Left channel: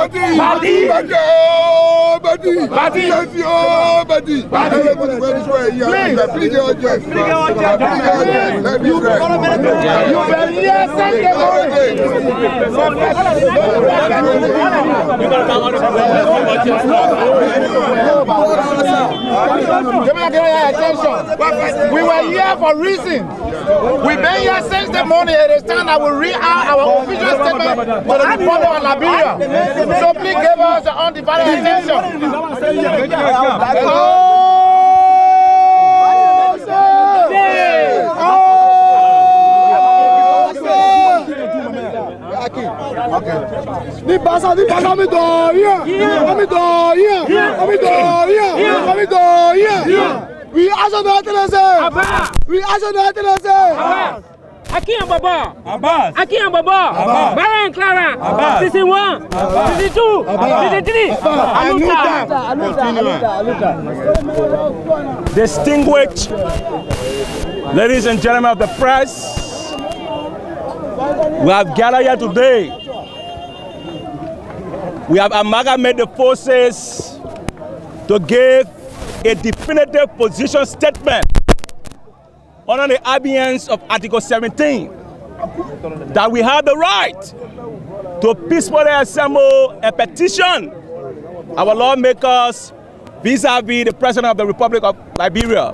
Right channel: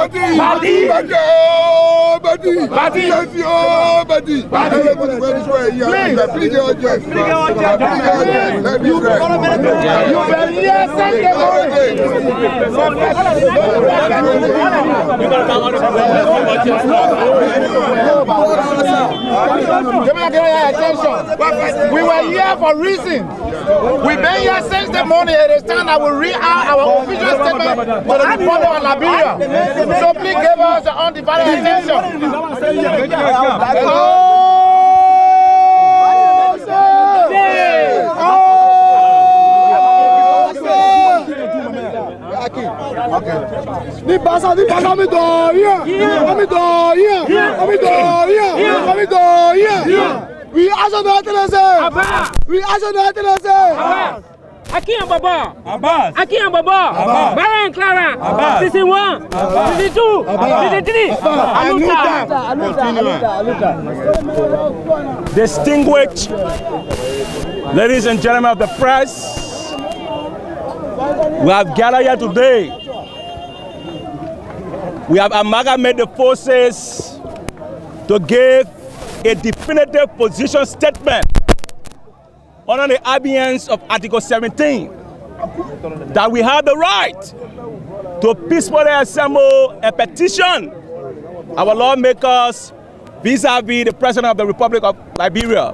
We were here for reason. We've been here since the morning. It is time that we read out our official statement to the Republic of Liberia. So please give us the undivided attention. We also know to say. Aki and Baba, Aki and Baba, Barry and Clara, Season 1, Season 2, Season 3, Aluta. Distinguished ladies and gentlemen of the press, we have gathered here today. We have amalgamated the forces to give a definitive position statement under the abeyance of Article 17 that we have the right to peacefully assemble and petition our lawmakers vis-a-vis the President of the Republic of Liberia.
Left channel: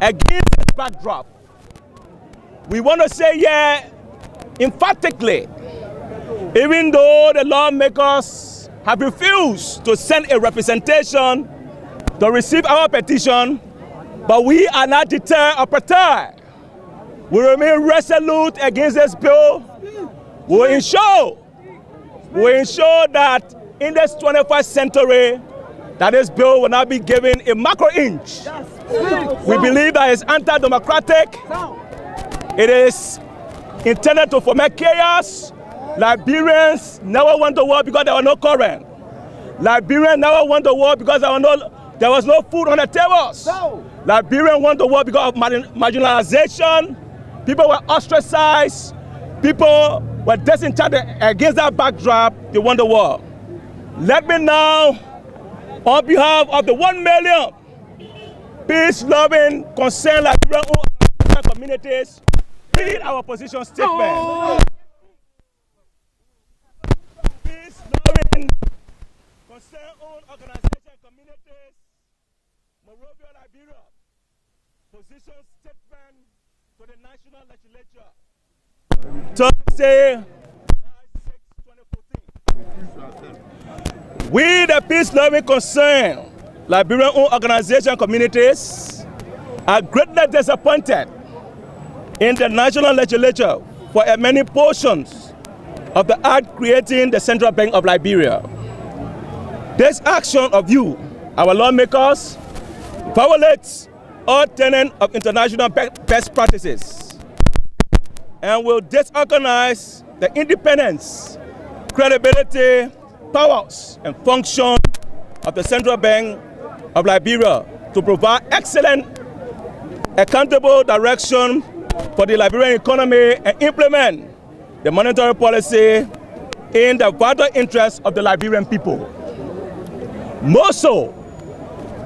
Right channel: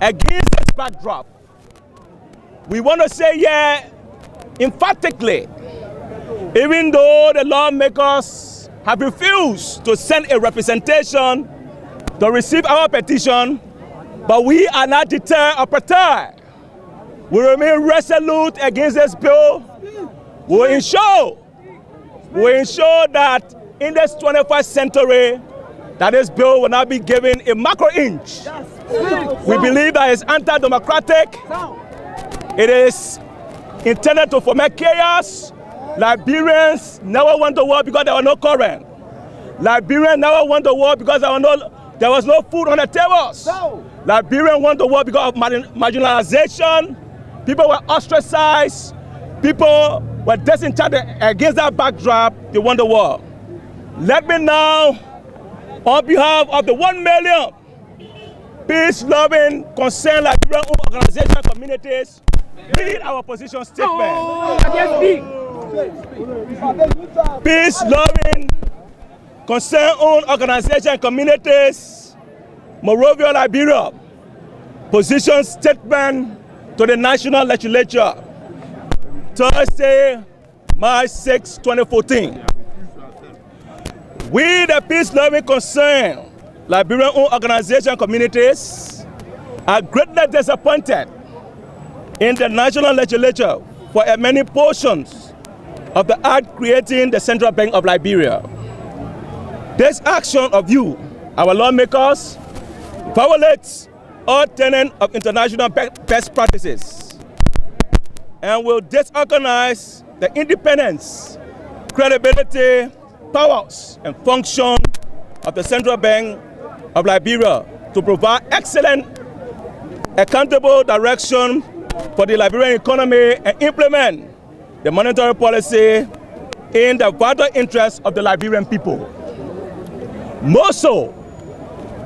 Against this backdrop, we want to say here emphatically, even though the lawmakers have refused to send a representation to receive our petition, but we are not deterred or perturbed. We remain resolute against this bill. We will ensure that in this 21st century, that this bill will not be given a macro inch. We believe that it's anti-democratic. It is intended to foment chaos. Liberians never want to war because there was no current. Liberians never want to war because there was no food on the tables. Liberians want to war because of marginalization. People were ostracized. People were disenchanted. Against that backdrop, they want the war. Let me now, on behalf of the 1 million peace-loving, concerned Liberian communities, read our position statement. Peace-loving, concerned organization communities, Monrovia, Liberia, position statement to the National Legislature. Thursday, 9/6/2014. We, the peace-loving, concerned Liberian-owned organization communities, are greatly disappointed in the National Legislature for many portions of the act creating the Central Bank of Liberia. This action of you, our lawmakers, violates all tenets of international best practices and will disorganize the independence, credibility, powers, and function of the Central Bank of Liberia to provide excellent, accountable direction for the Liberian economy and implement the monetary policy in the vital interests of the Liberian people. More so,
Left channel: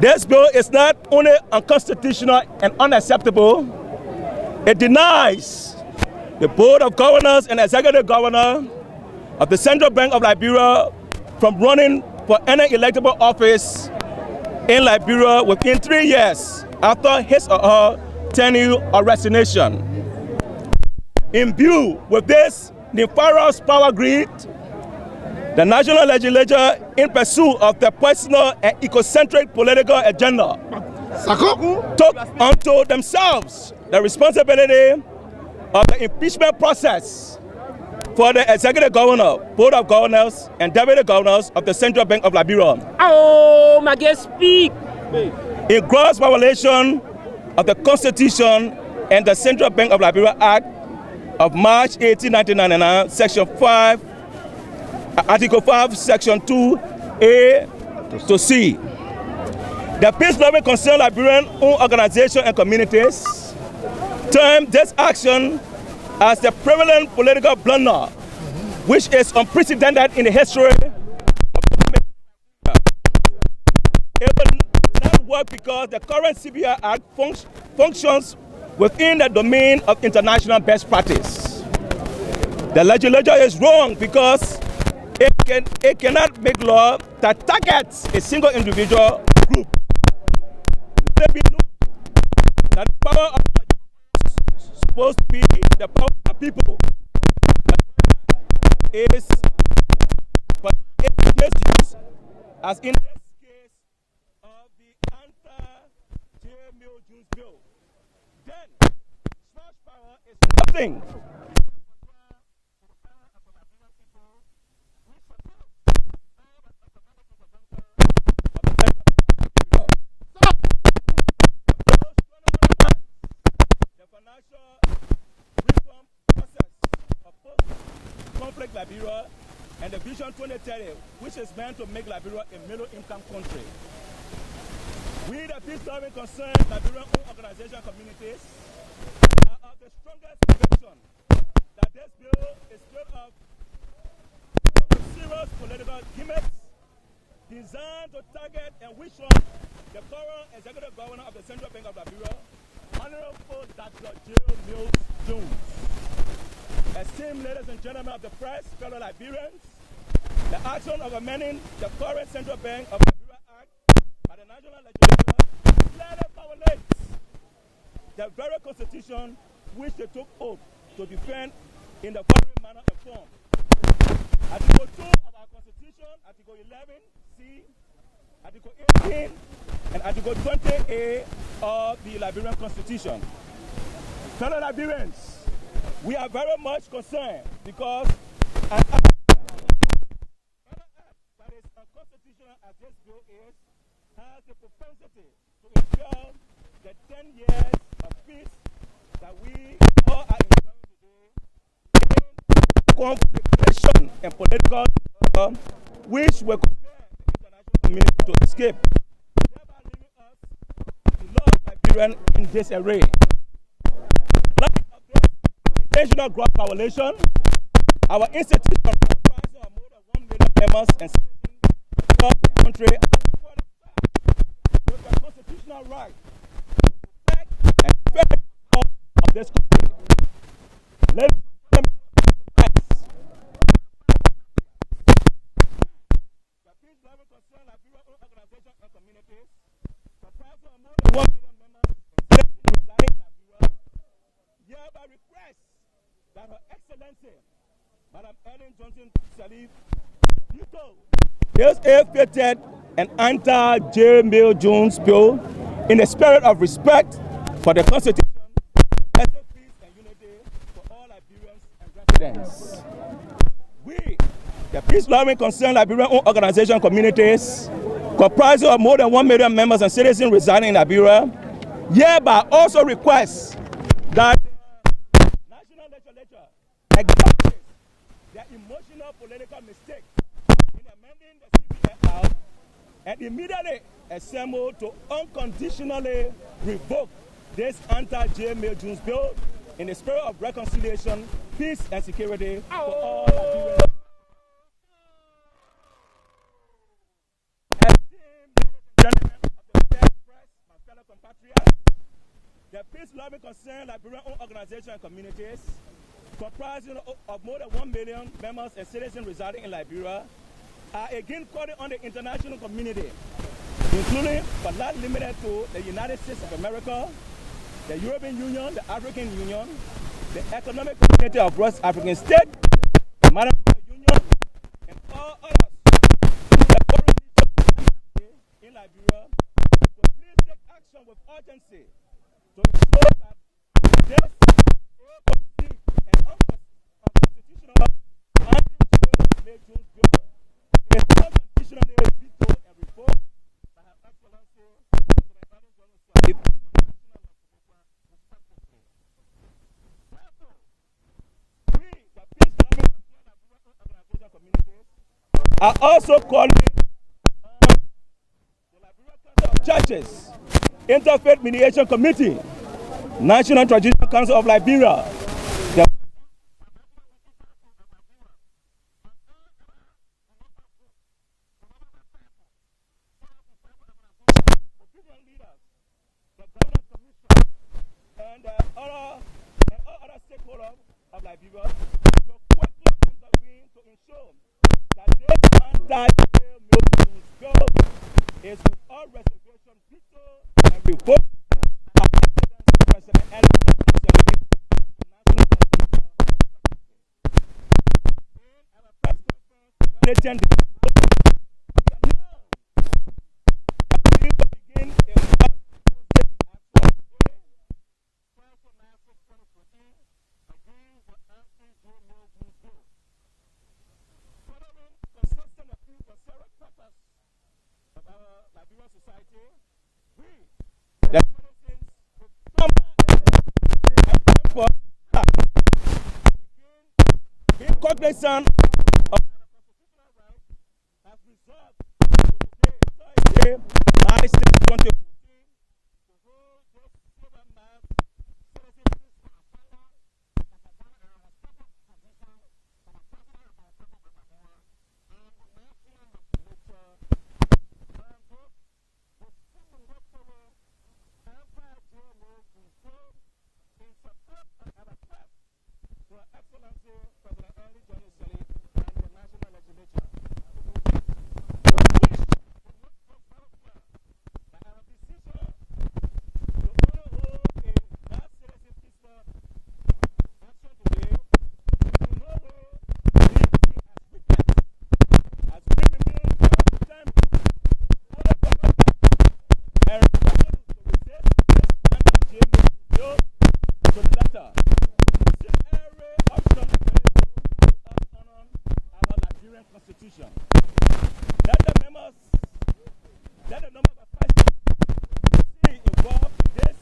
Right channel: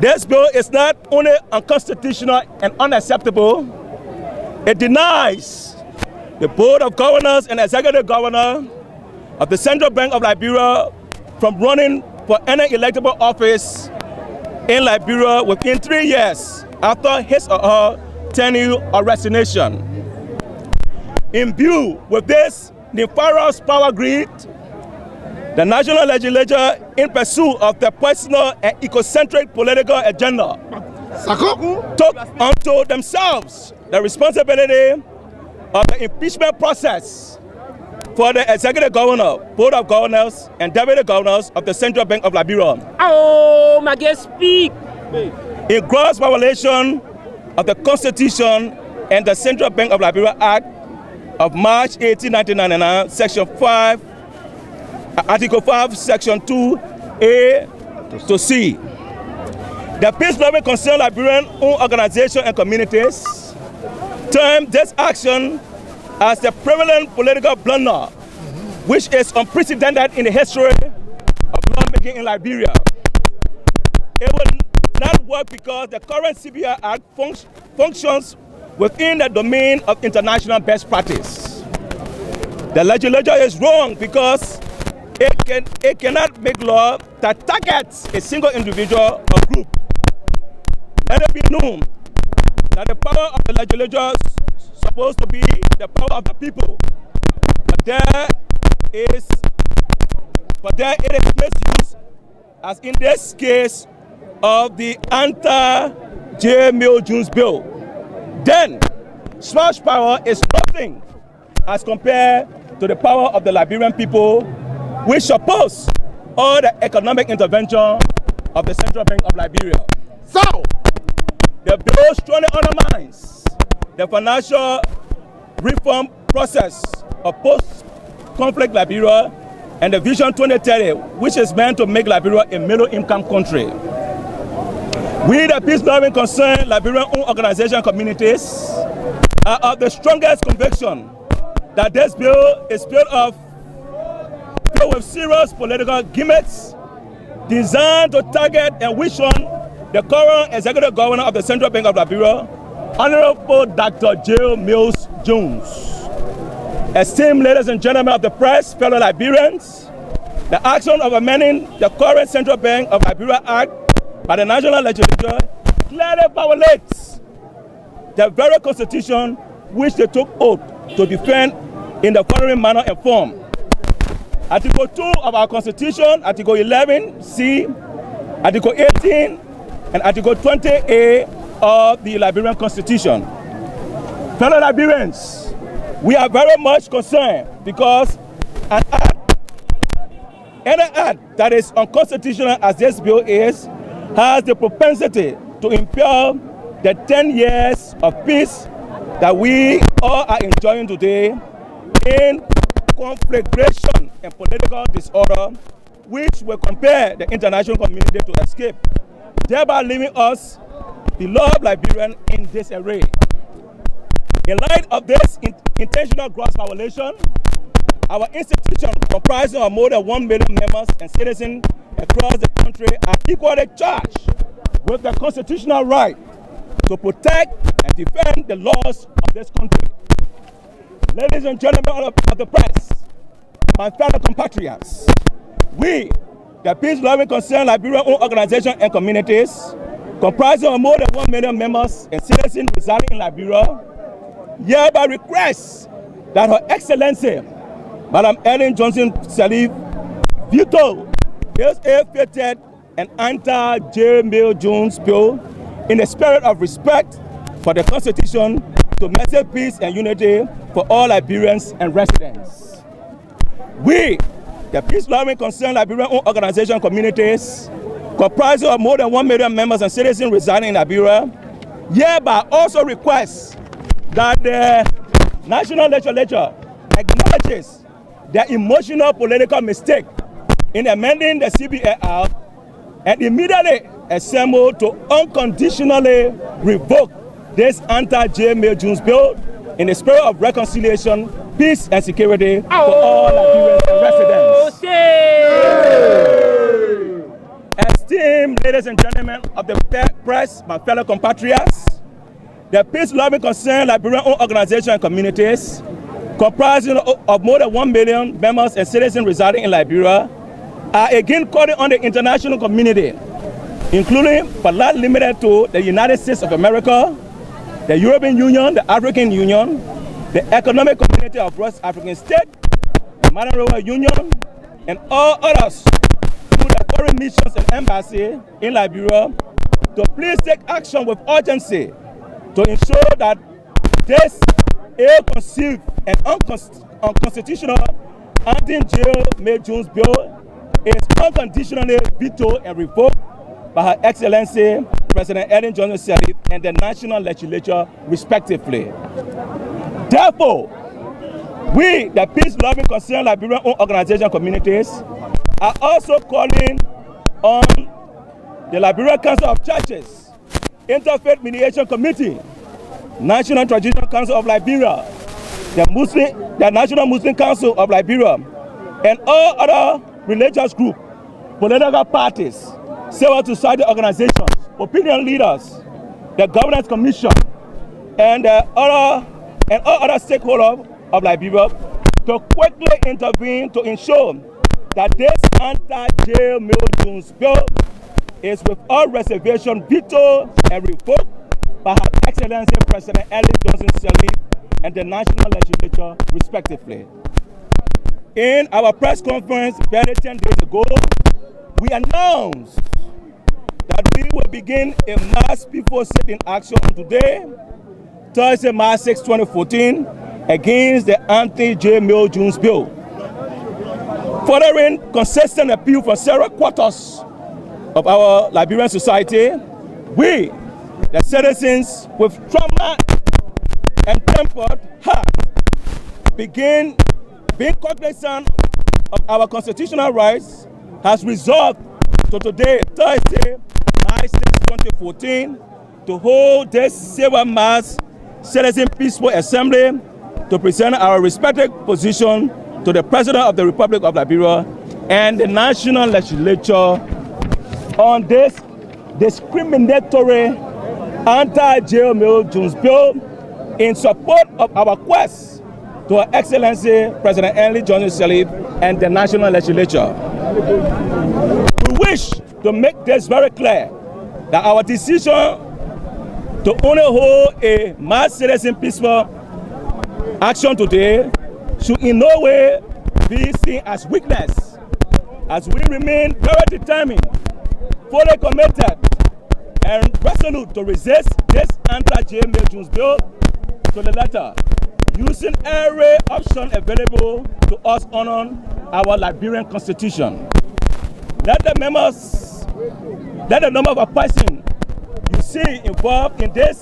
this bill is not only unconstitutional and unacceptable, it denies the Board of Governors and Executive Governor of the Central Bank of Liberia from running for any electable office in Liberia within 3 years after his or her tenure or resignation. Imbued with this nefarious power grid, the National Legislature, in pursuit of their personal and ecocentric political agenda, took unto themselves the responsibility of the impeachment process for the Executive Governor, Board of Governors, and Deputy Governors of the Central Bank of Liberia. Oh, my guest speak. In gross violation of the Constitution and the Central Bank of Liberia Act of March 18, 1999, Section 5, Article 5, Section 2A to C. The peace-loving concerned Liberian-owned organizations and communities termed this action as the prevalent political blunder, which is unprecedented in the history work because the current CBL Act functions within the domain of international best practice. The legislature is wrong because it cannot make law that targets a single individual group. Let me know that the power of the is supposed to be the power of the people. But it is used as in this case of the Anti-Cbl bill. Then, such power is nothing. The financial reform process of post-conflict Liberia and the Vision 2030, which is meant to make Liberia a middle-income country. We, the peace-loving concerned Liberian-owned organization communities, are of the strongest conviction that this bill is filled with serious political gimmicks designed to target and wish on the current executive governor of the Central Bank of Liberia, Honorable Dr. J. Mills Jones. Esteemed ladies and gentlemen of the press, fellow Liberians, the action of amending the current Central Bank of Liberia Act by the National Legislature clearly violates the very constitution which they took oath to defend in the following manner and form. Article 2 of our Constitution, Article 11C, Article 18, and Article 20A of the Liberian Constitution. Fellow Liberians, we are very much concerned because an act that is unconstitutional as this bill is has the propensity to entail the 10 years of peace that we all are enjoying today in confliction and political which will compel the international community to escape, thereby leaving us to love Liberian in disarray. In light of this intentional gross violation, our institution comprising of more than 1 million members and citizens of the country are equally with the constitutional right to protect and defend the of this country. Ladies and gentlemen, the peace-loving concern Liberian-owned organizations and communities comprising of more than 1 million members and citizens residing in Liberia hereby request that Her Excellency, Madam Ellen Johnson Sirleaf, veto this ill-fated and anti-J. Jones bill in the spirit of respect for the Constitution, better peace and unity for all Liberians and residents. We, the peace-loving concerned Liberian-owned organization communities, comprising of more than 1 million members and citizens residing in Liberia, hereby also request that the National Legislature acknowledges their emotional political mistake in amending the CBL Act and immediately assemble to unconditionally revoke this anti-J. Jones bill in the spirit of reconciliation, peace, and security for all Liberians. Esteemed ladies and gentlemen of the fair press, my fellow compatriots, the peace-loving concerned Liberian-owned organizations and communities, comprising of more than 1 million members and citizens residing in Liberia, are again calling on the international community, including but not limited to the United States of America, the European Union, the African Union, the Economic Community of West African States, the Maritime Union, and all others the foreign in Liberia to please take action with urgency to ensure that this ill-conceived and unconstitutional anti-J. Jones bill is unconditionally vetoed and revoked by Her Excellency President Ellen Johnson Sirleaf. We, the peace-loving organization communities, are also calling on the Liberian Council of Churches, Interfaith Mediation Committee, National Traditional Council of Liberia, the that this anti-Cbl bill is without reservation veto and revoke President President President cognizant of constitutional rights has resolved to today, Thursday, March 2014, to hold this civil mass citizen peace for Asala that has done a respected position for the President of the Republic of Nigeria and the national legislature. And this discriminatory anti-Cbl bill in support of our request to Her Excellency President and the national legislature. Our decision to hold a mass citizen peace action today in no way leaves me as wicked as we remain determined and resolute to resist this anti-Cbl bill to the letter. Using every option available to us honor our Nigerian Constitution. Let the number of persons involved in this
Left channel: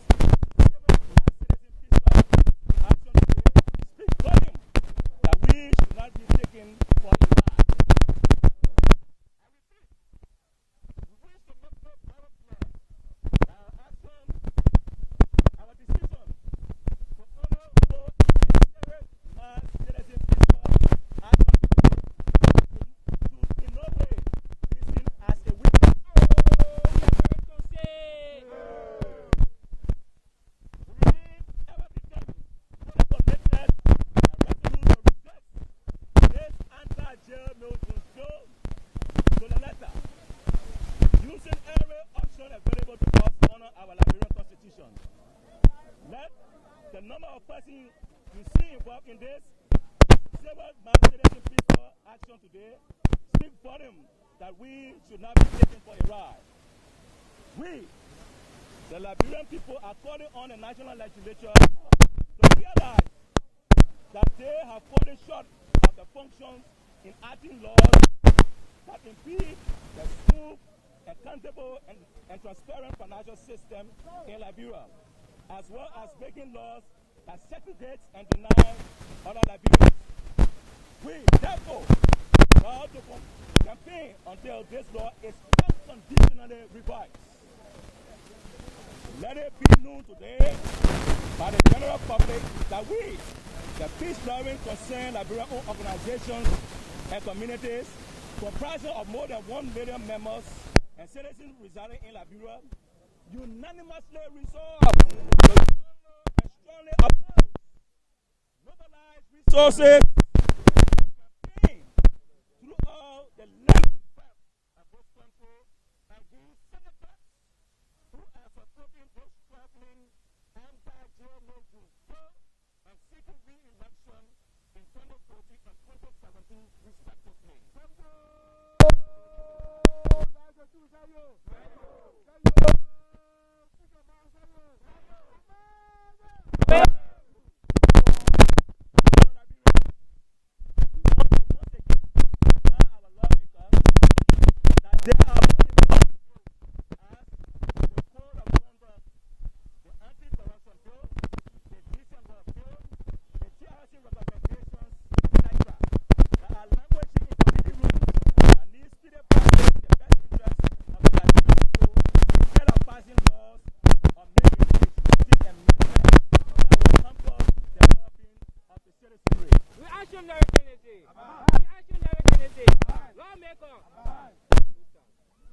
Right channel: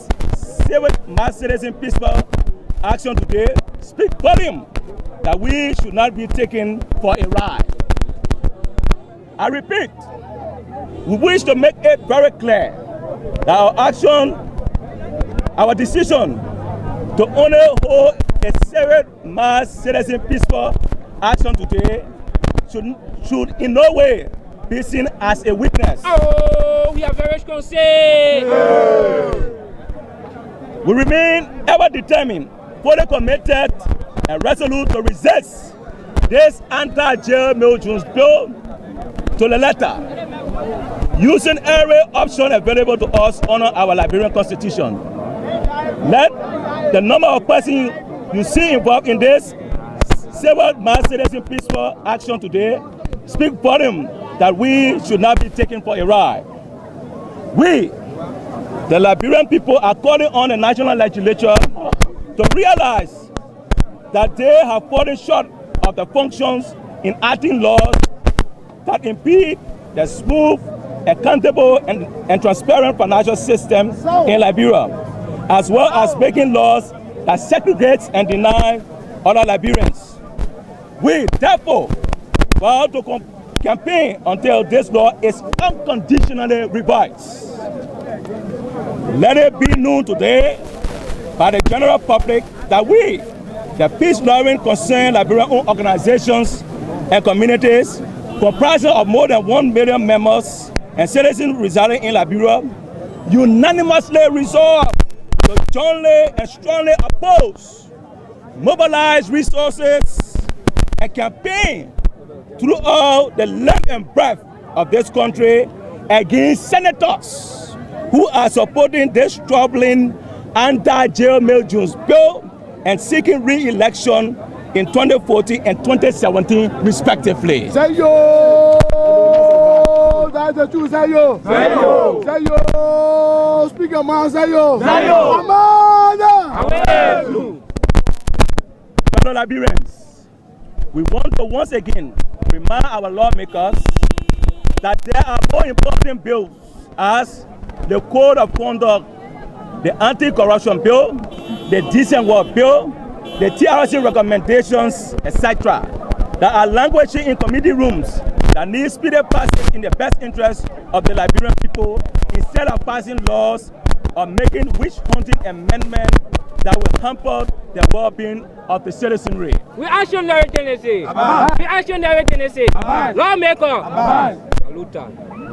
civil mass citizen peace action today speak volume that we should not be taken for a ride. I repeat, we wish to make no doubt clear that our action, our decision to honor both the civil mass citizen peace action today should in no way be seen as a weakness. Using every option available to us honor our Liberian Constitution. Let the number of persons you see involved in this civil mass citizen peace action today speak volume that we should not be taken for a ride. We, the Liberian people, are calling on the national legislature to realize that they have fallen short of the functions in acting laws that impede the smooth, accountable, and transparent financial system in Liberia, as well as making laws that segregate and deny other Liberians. We, therefore, vow to campaign until this law is unconditionally revised. Let it be known today by the general public that we, the peace-loving, concerned Liberian-owned organizations and communities comprising of more than 1 million members and citizens residing in Liberia, unanimously resolve to strongly oppose, mobilize resources, and campaign throughout the length and breadth of this country against senators who are supporting this struggling anti-Cbl bill and seeking re-election in 2014 and 2017 respectively.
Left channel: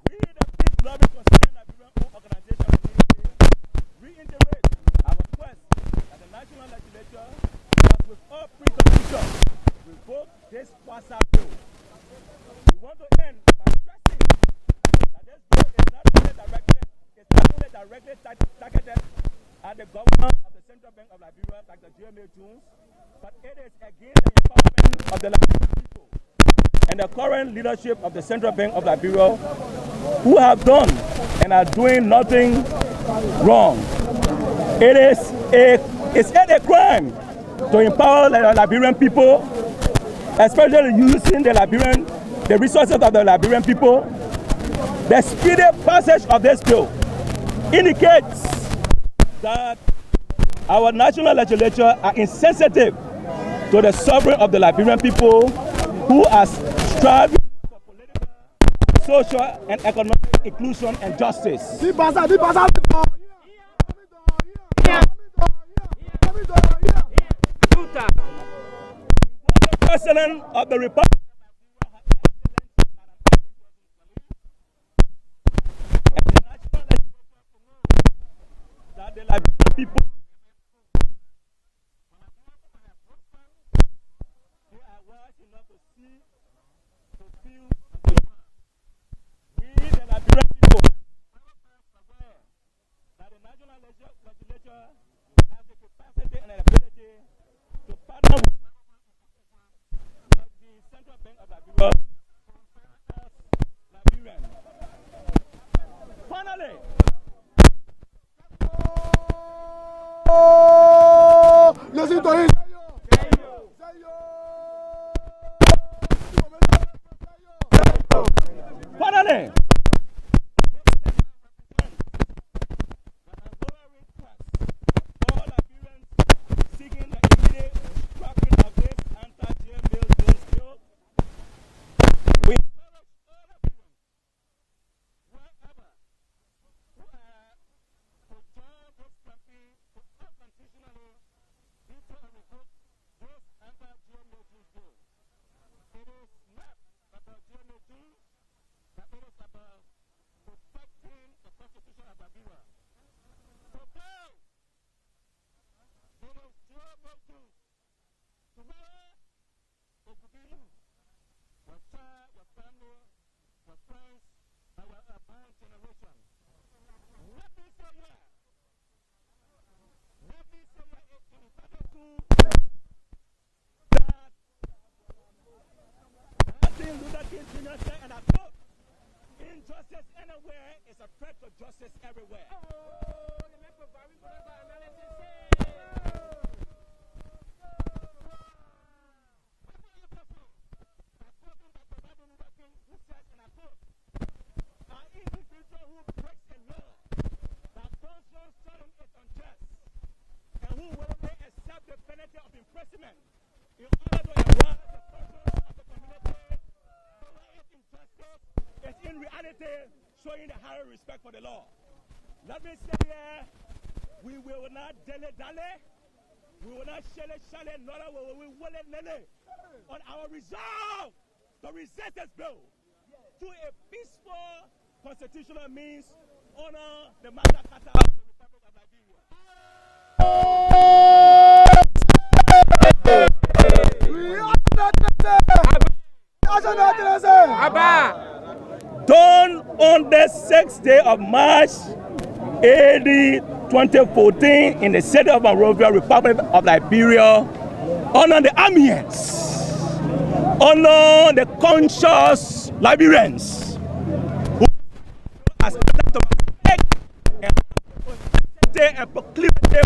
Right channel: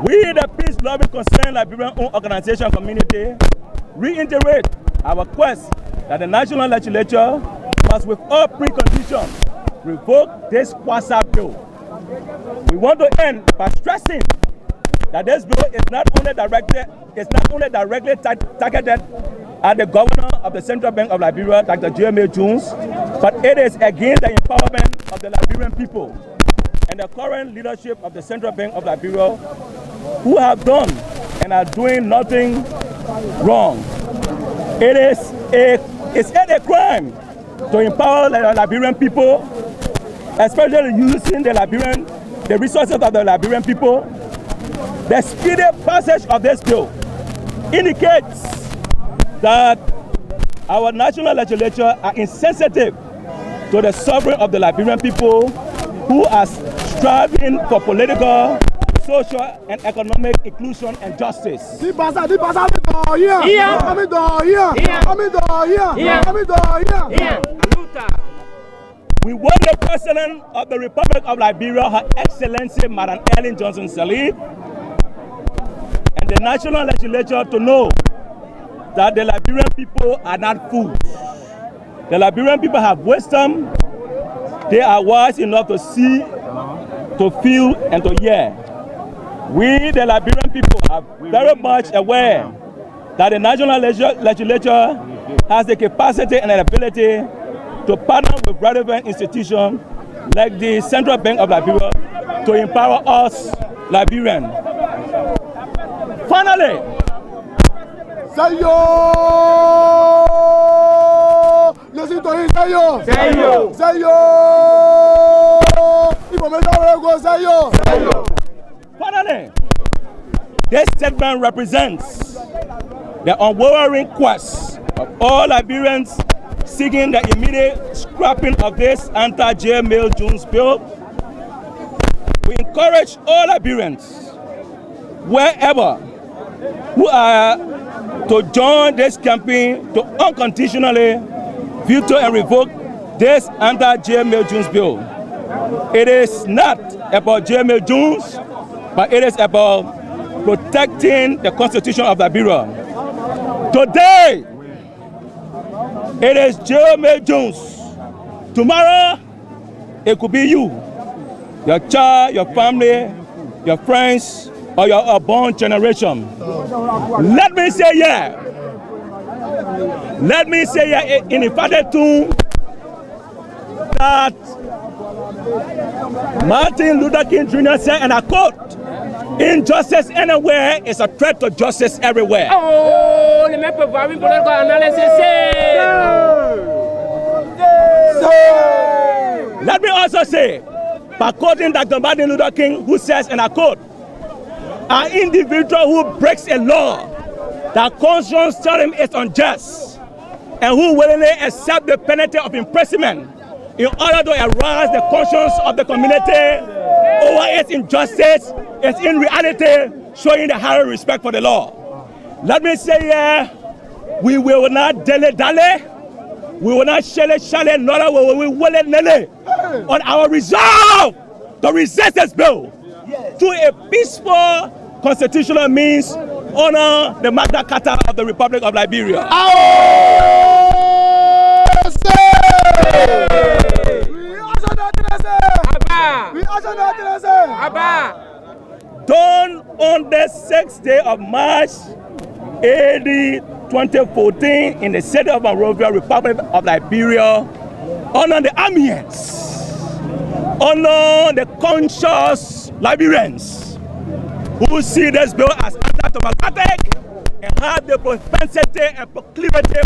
We, the peace-loving concerned Liberian organization community, reiterate our request that the national legislature must with all preconditions revoke this WhatsApp bill. targeted at the governor of the Central Bank of Liberia, Dr. GMA Jones, but it is against the empowerment of the Liberian people and the current leadership of the Central Bank of Liberia, who have done and are doing nothing wrong. It's a crime to empower the Liberian people, especially using the resources of the Liberian people. The speedy passage of this bill indicates that our national legislature are insensitive to the suffering of the Liberian people who are striving for political, social, and economic inclusion and justice. The President of the Republic that the Liberian people who are wise enough to see, to feel, and to learn. We, the Liberian people, are aware that the national legislature has the capacity and ability to partner with the Central Bank of Liberia as Liberians. Finally, listen to him. Finally, all Liberians seeking the immediate scrapping of this anti-Cbl bill. We encourage all Liberians, wherever, who are to join this campaign to unconditionally veto and revoke this anti-Cbl bill. It is not about Cbl, but it is about protecting the Constitution of Liberia. Today, it is Cbl. Tomorrow, it could be you, your child, your family, your friends, and your unborn generation. Let me say here, it's important that Martin Luther King Jr. said, and I quote, injustice anywhere is a threat to justice everywhere. An individual who breaks a law that conscience telling is unjust and who willingly accept the penalty of imprisonment in order to arouse the conscience of the community over its injustice is in reality showing the higher respect for the law. Let me say here, we will not dilly-dally, we will not shally-shally, nor will we willy-nilly on our resolve to resist this bill through a peaceful constitutional means, honor the Magna Carta of the Republic of Liberia. Done on the 6th day of March, AD 2014, in the city of Monrovia, Republic of Liberia, honor the Amiens, honor the conscious Liberians who are started to make and proclivity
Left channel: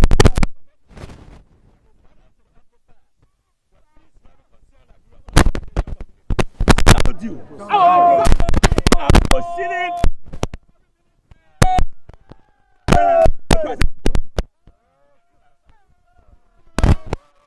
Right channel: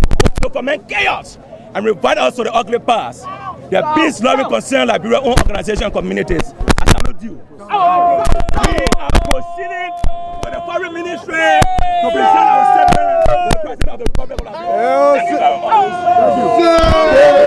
proceeding